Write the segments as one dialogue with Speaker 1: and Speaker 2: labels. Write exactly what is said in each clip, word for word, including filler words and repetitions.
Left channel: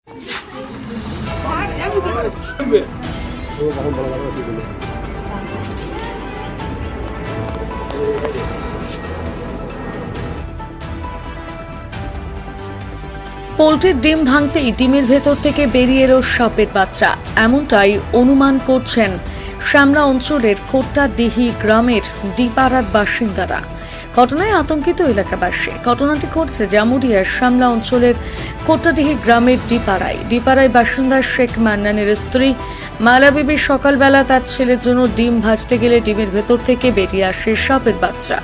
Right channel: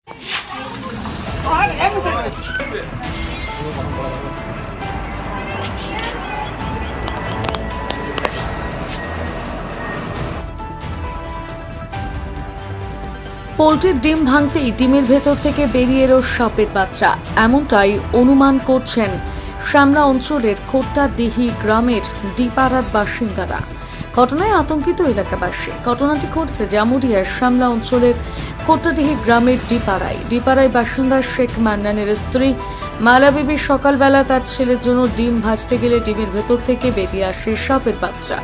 Speaker 1: পোল্ট্রির ডিম ভাঙতেই ডিমের ভেতর থেকে বেরিয়ে এলো সাপের বাচ্চা, এমনটাই অনুমান করছেন শ্যামলা অঞ্চলের খোট্টাডিহি গ্রামের ডিপাড়ার বাসিন্দারা। ঘটনায় আতঙ্কিত এলাকাবাসী। ঘটনাটি ঘটেছে জামুরিয়ার শ্যামলা অঞ্চলের খোট্টাডিহি গ্রামের ডিপাড়ায়। ডিপাড়ায় বাসিন্দা শেখ মান্নানের স্ত্রী মালা বিবি সকালবেলা তার ছেলের জন্য ডিম ভাজতে গেলে ডিমের ভেতর থেকে বেরিয়ে আসে সাপের বাচ্চা।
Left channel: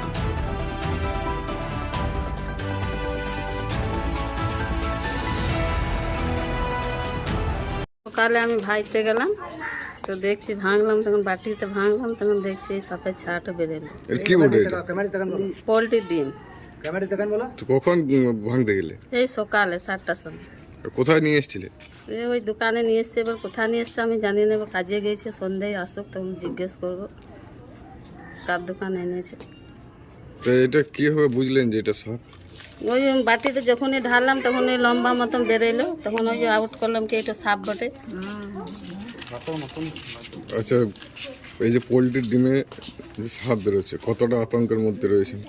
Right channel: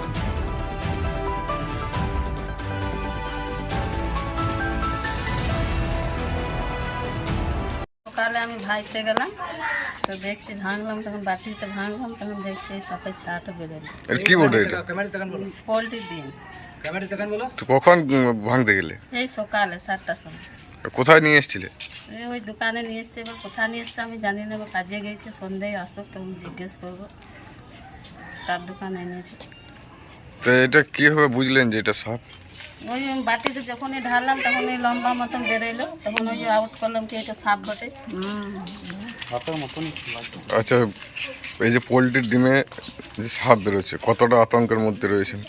Speaker 2: সকালে আমি ভাইতে গেলাম, তো দেখছি ভাঙলাম, তখন বাটিতে ভাঙলাম, তখন দেখছি এই সাপের ছাটা বেরোলো।
Speaker 3: কি বলতে এটা?
Speaker 2: পোল্ট্রির ডিম।
Speaker 3: তো কখন ভাঙতে গেলে?
Speaker 2: এই সকালে সাতটার সময়।
Speaker 3: কোথায় নিয়ে এসেছিলে?
Speaker 2: এই ওই দোকানে নিয়ে এসছে, এবার কোথায় নিয়ে এসছে আমি জানি না, এবার কাজে গেছে, সন্ধ্যায় আসুক তখন জিজ্ঞেস করবো কার দোকানে এনেছে।
Speaker 3: তো এটা কিভাবে বুঝলেন যে এটা সাপ?
Speaker 2: ওই বাটিতে যখনই ঢাললাম তখন ওই লম্বা মতন বেরোলো, তখন ওই যে আউট করলাম কি এটা সাপ বটে।
Speaker 3: আচ্ছা, এই যে পোলট্রির ডিমে যে সাপ বেরোচ্ছে, কতটা আতঙ্কের মধ্যে রয়েছেন?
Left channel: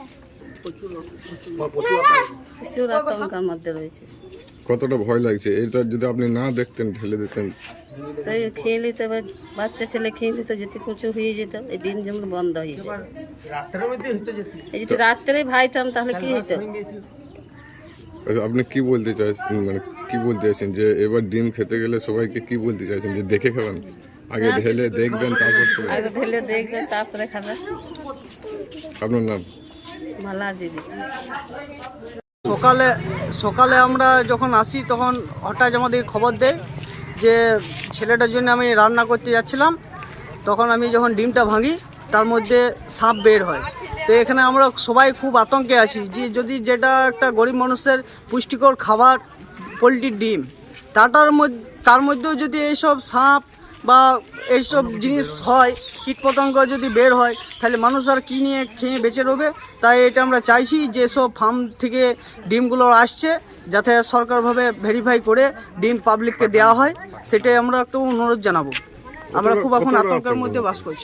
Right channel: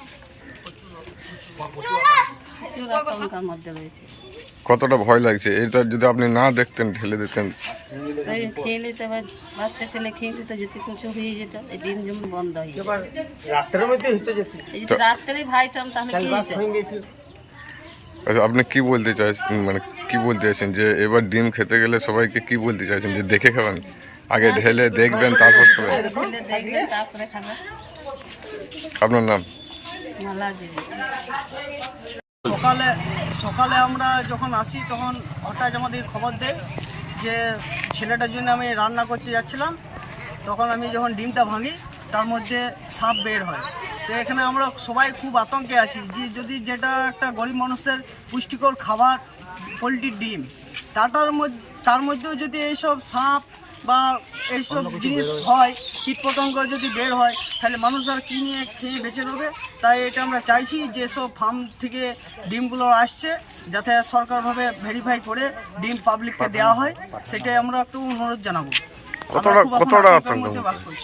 Speaker 2: প্রচুর আতঙ্কের মধ্যে রয়েছে।
Speaker 3: কতটা ভয় লাগছে? এটা যদি আপনি না দেখতেন, ঢেলে দিতেন,
Speaker 2: তো এই খেয়ে নিতে, এবার বাচ্চা ছেলে খেয়ে নিত, যেতে কিছু হয়ে যেত, এই ডিম যেমন বন্ধ হয়ে যেত। এই যদি রাত্রেই ভাইতাম তাহলে কি হতো?
Speaker 3: আচ্ছা, আপনি কি বলতে চাইছেন, মানে কি বলতে চাইছেন যে এবার ডিম খেতে গেলে সবাইকে কি বলতে চাইছেন, যে দেখে খাবেন, আগে ঢেলে দেখবেন তারপর খাবেন?
Speaker 2: আগে ঢেলে দেখবেন তারপরে খাবেন।
Speaker 3: আপনার নাম?
Speaker 2: মালা দিদি।
Speaker 4: সকালে সকালে আমরা যখন আসি তখন হঠাৎ আমাদের খবর দেয় যে ছেলেটার জন্য আমি রান্না করতে যাচ্ছিলাম, তখন আমি যখন ডিমটা ভাঙি তার মধ্যে সাপ বের হয়। তো এখানে আমরা সবাই খুব আতঙ্কে আছি যে যদি যেটা একটা গরিব মানুষের পুষ্টিকর খাবার পোলট্রির ডিম, তাটার মধ্যে তার মধ্যেও যদি এইসব সাপ বা এইসব জিনিস হয়, কীটপতঙ্গ যদি বের হয়, তাহলে মানুষ আর কী নিয়ে খেয়ে বেঁচে রবে। তাই এটা আমরা চাইছি যে সব ফার্ম থেকে ডিমগুলো আসছে যাতে সরকারভাবে ভেরিফাই করে ডিম পাবলিককে দেওয়া হয়, সেটাই আমরা একটু অনুরোধ জানাবো। আমরা খুব এখন আতঙ্কের মধ্যে বাস করছি।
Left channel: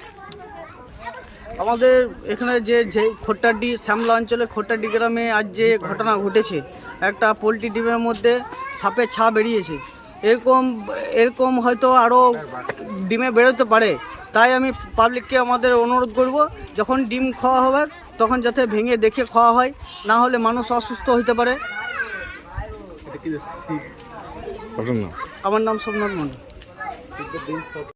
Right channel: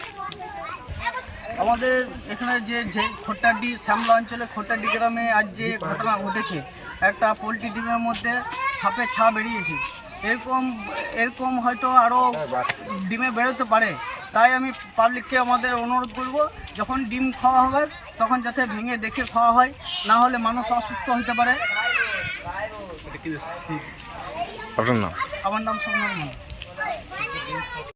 Speaker 4: আমাদের এখানে যে যে খোট্টাডি শ্যামলা অঞ্চলে খোট্টাডি গ্রামে আজ যে ঘটনা ঘটেছে, একটা পোলট্রি ডিমের মধ্যে সাপের ছা বেরিয়েছে, এরকম এরকম হয়তো আরও ডিমে বেরোতে পারে। তাই আমি পাবলিককে আমাদের অনুরোধ করব, যখন ডিম খাওয়া হবে তখন যাতে ভেঙে দেখে খাওয়া হয়, না হলে মানুষ অসুস্থ হতে পারে।
Speaker 3: আপনার নাম?
Speaker 4: আমার নাম সোমনাথ মন্ডল।